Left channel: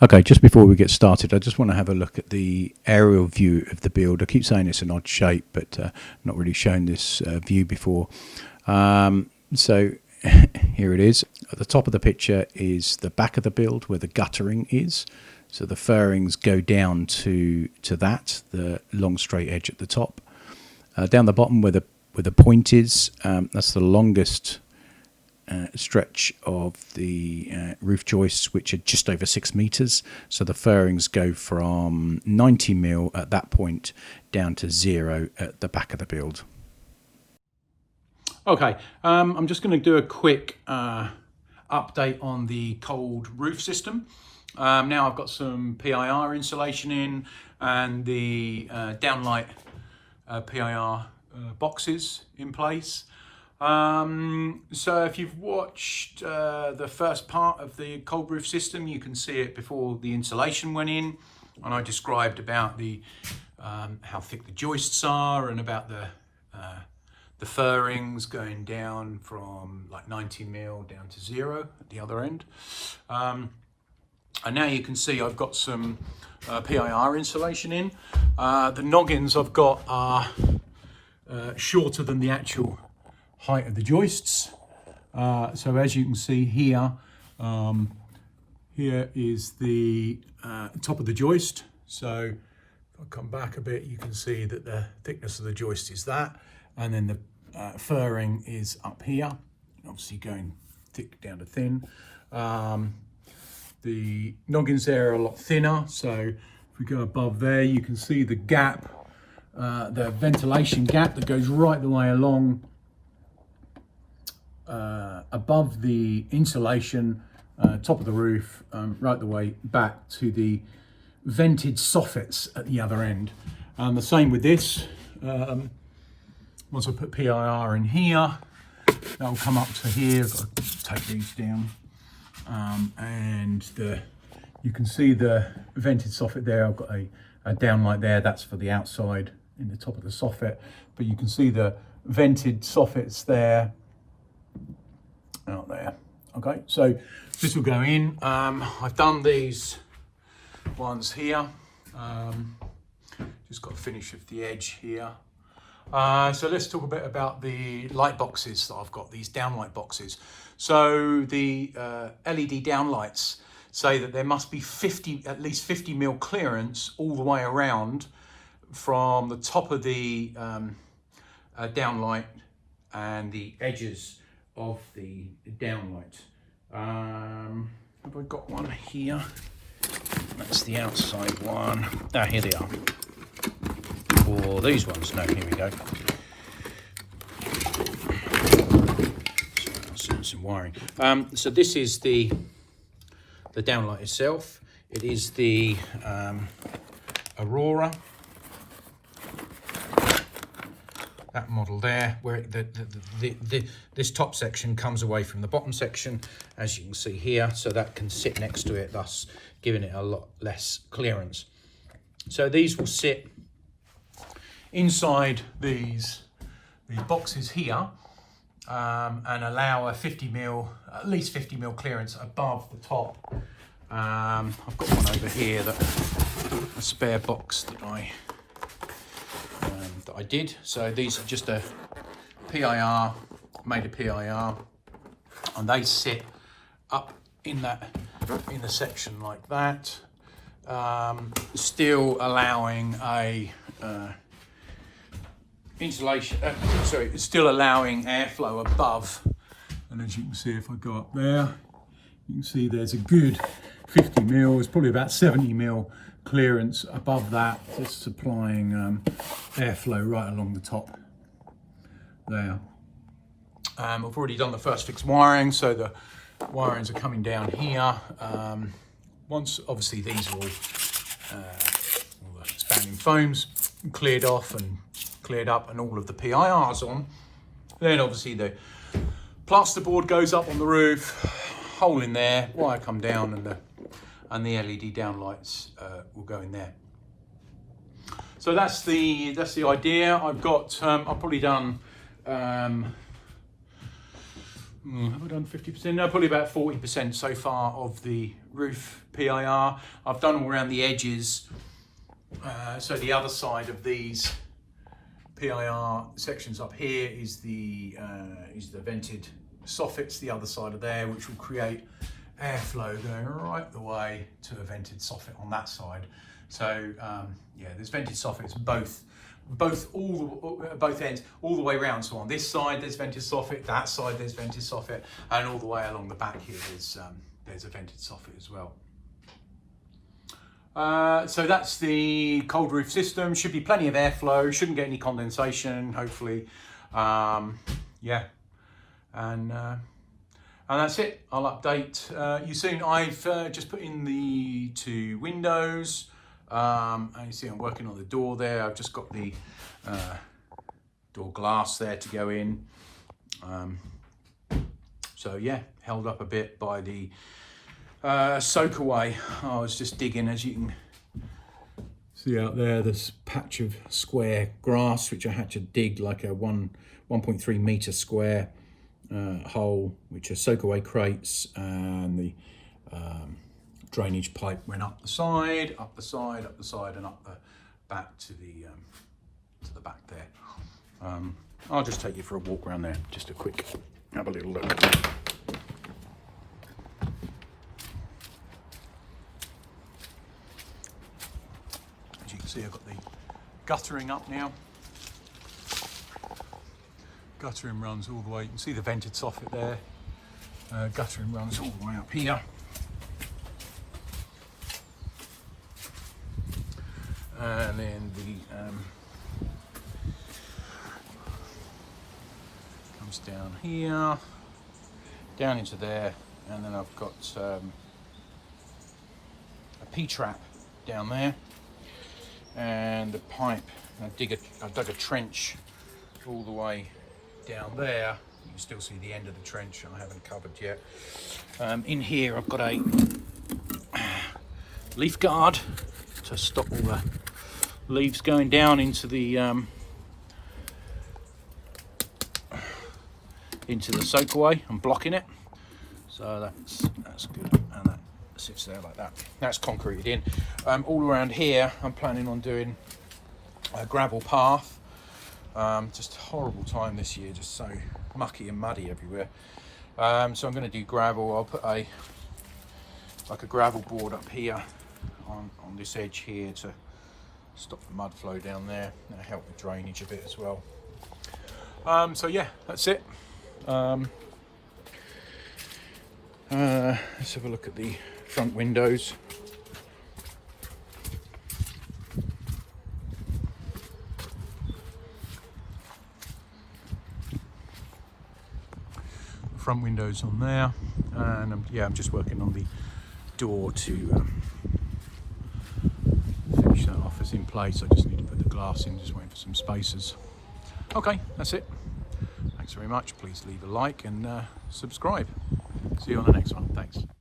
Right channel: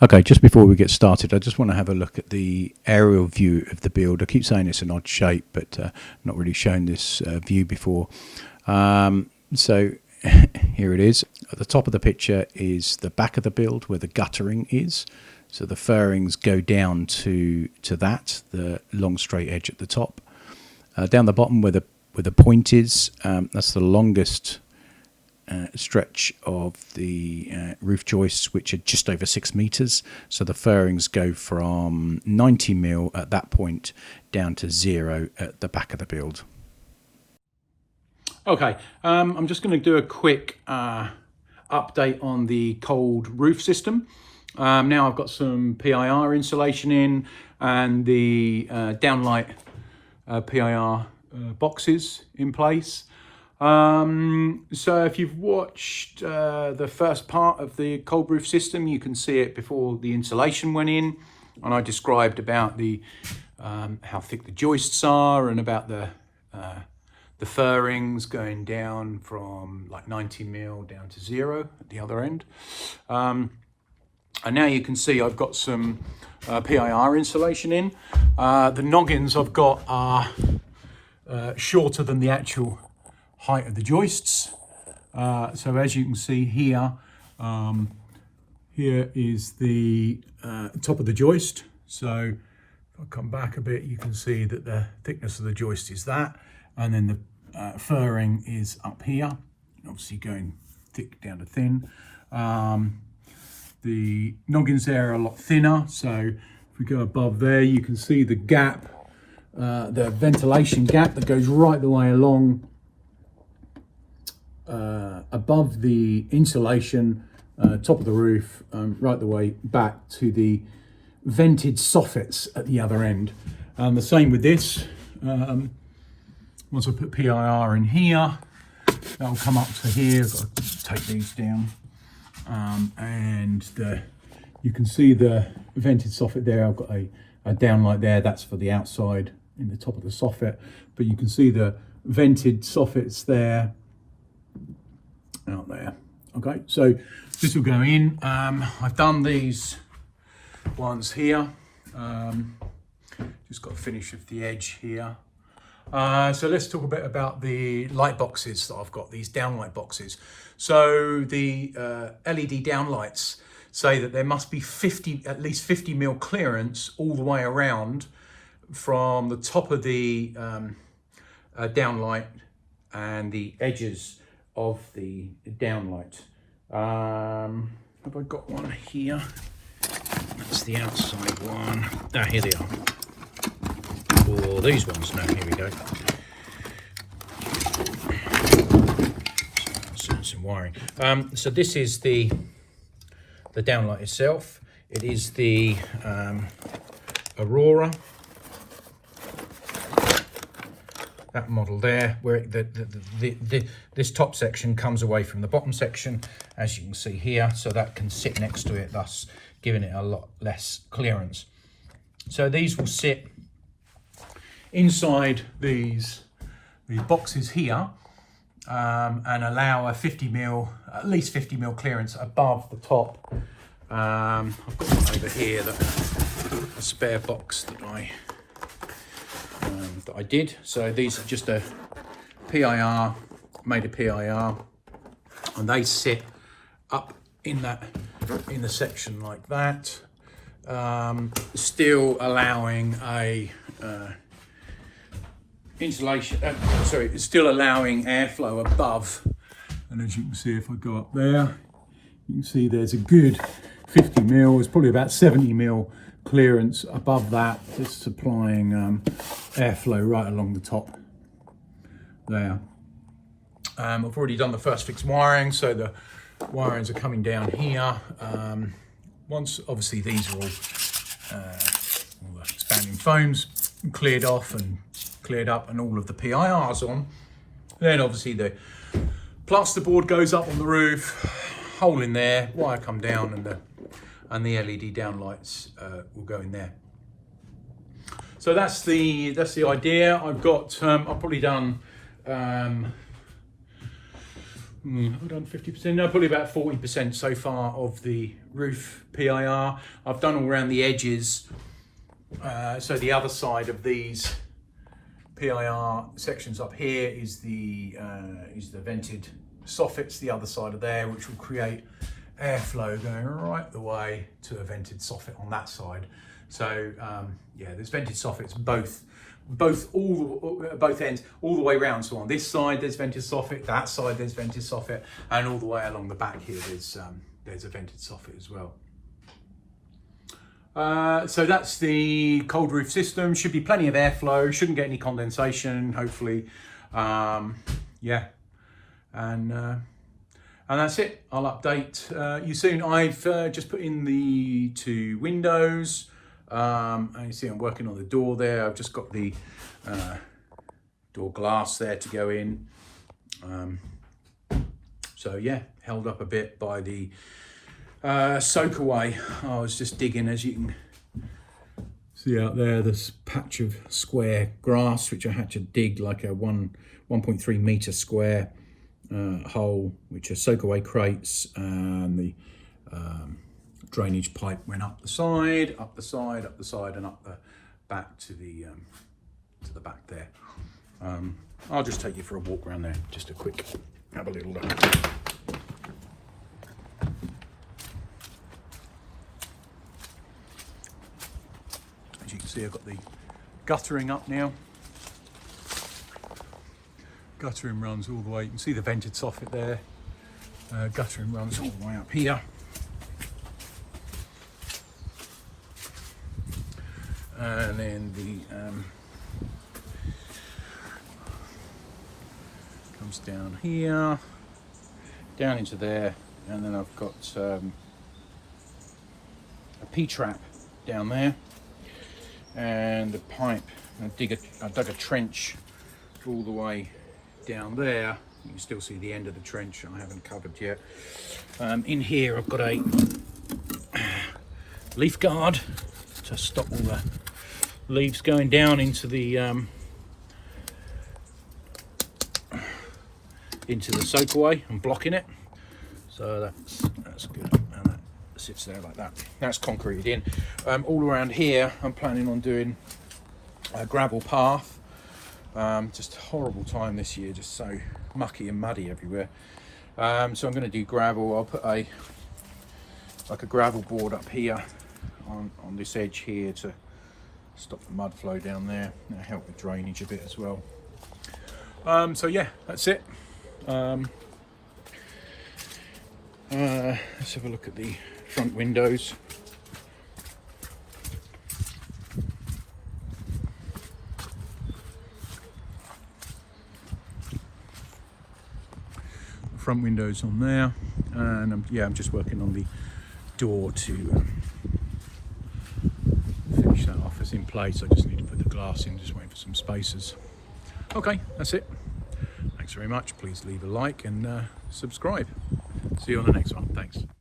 Okay, just before we get started, I just want to have a look at the aerial view of the build. I keep saying it's an odd shape, but not really shown this view before. So here it is. At the top of the picture is the back of the build where the guttering is. So the firrings go down to that, the long straight edge at the top. Down the bottom where the point is, that's the longest stretch of the roof joists, which are just over 6 meters. So the firrings go from 90 mil at that point down to 0 at the back of the build. Okay, I'm just going to do a quick update on the cold roof system. Now I've got some PIR insulation in and the downlight PIR boxes in place. So if you've watched the first part of the cold roof system, you can see it before the insulation went in, and I described about the how thick the joists are and about the firrings going down from like 90 mil down to 0 at the other end. And now you can see I've got some PIR insulation in. The noggins I've got are shorter than the actual height of the joists. So as you can see here, here is the top of the joist. So if I come back a bit, you can see that the thickness of the joist is that, and then the furring is up here, obviously going thick down to thin. The noggins there are a lot thinner, so if we go above there, you can see the gap, the ventilation gap that goes right the way along above the insulation, top of the roof, right the way back to the vented soffits at the other end. The same with this. Once I put PIR in here, that'll come up to here. I've got to take these down. And you can see the vented soffit there. I've got a downlight there. That's for the outside in the top of the soffit. But you can see the vented soffits there. Out there. Okay, so this will go in. I've done these ones here. Just got to finish with the edge here. So let's talk a bit about the light boxes that I've got, these downlight boxes. So the LED downlights say that there must be at least 50 mil clearance all the way around from the top of the downlight and the edges of the downlight. Have I got one here? That's the outside one. Ah, here they are. Or these ones. No, here we go. Some wiring. So this is the downlight itself. It is the Aurora. That model there, where this top section comes away from the bottom section, as you can see here, so that can sit next to it, thus giving it a lot less clearance. So these will sit inside these boxes here, and allow a 50 mil, at least 50 mil clearance above the top. I've got one over here, the spare box that I did. So these are just a PIR, made of PIR, and they sit up in the section like that, still allowing a insulation. Still allowing airflow above. And as you can see, if I go up there, you can see there's a good 50 mil. It's probably about 70 mil clearance above that. It's supplying airflow right along the top there. I've already done the first fix wiring, so the wirings are coming down here. Once obviously these are all the expanding foams cleared off and cleared up and all of the PIRs on, then obviously the plasterboard goes up on the roof, hole in there, wire come down, and the LED downlights will go in there. So that's the idea. I've got I've probably done Have I done 50%? No, probably about 40% so far of the roof PIR. I've done all around the edges. So the other side of these PIR sections up here is the vented soffits, the other side of there, which will create airflow going right the way to a vented soffit on that side. So yeah, there's vented soffits both ends, all the way around. So on this side there's vented soffit, that side there's vented soffit, and all the way along the back here there's a vented soffit as well. So that's the cold roof system. Should be plenty of airflow, shouldn't get any condensation, hopefully. Yeah, and that's it. I'll update you soon. I've just put in the 2 windows. And you see I'm working on the door there. I've just got the door glass there to go in. So yeah, held up a bit by the soak away. I was just digging, as you can see out there, this patch of square grass which I had to dig, like a 1.3 meter square hole, which are soak away crates, and the drainage pipe went up the side, and up the back to the back there. I'll just take you for a walk around there, just a quick, have a little look. As you can see, I've got the guttering up now. Guttering runs all the way, you can see the vented soffit there. Guttering runs all the way up here. And then the comes down here, down into there, and then I've got a P-trap down there, and the pipe. I dug a trench all the way down there. You can still see the end of the trench I haven't covered yet. In here I've got a leaf guard to stop all the leaves going down into the soak away and blocking it. So that's good, and that sits there like that. That's concreted in. All around here I'm planning on doing a gravel path. Just a horrible time this year, just so mucky and muddy everywhere. So I'm going to do gravel. I'll put a gravel board up here on this edge here to stop the mud flow down there. That'll help with drainage a bit as well. So yeah, that's it. Let's have a look at the front windows. Front windows on there, and I'm just working on the door to finish that off. It's in place. I just need to put the glass in, just waiting for some spacers. Okay, that's it. Thanks very much. Please leave a like and subscribe. See you on the next one. Thanks.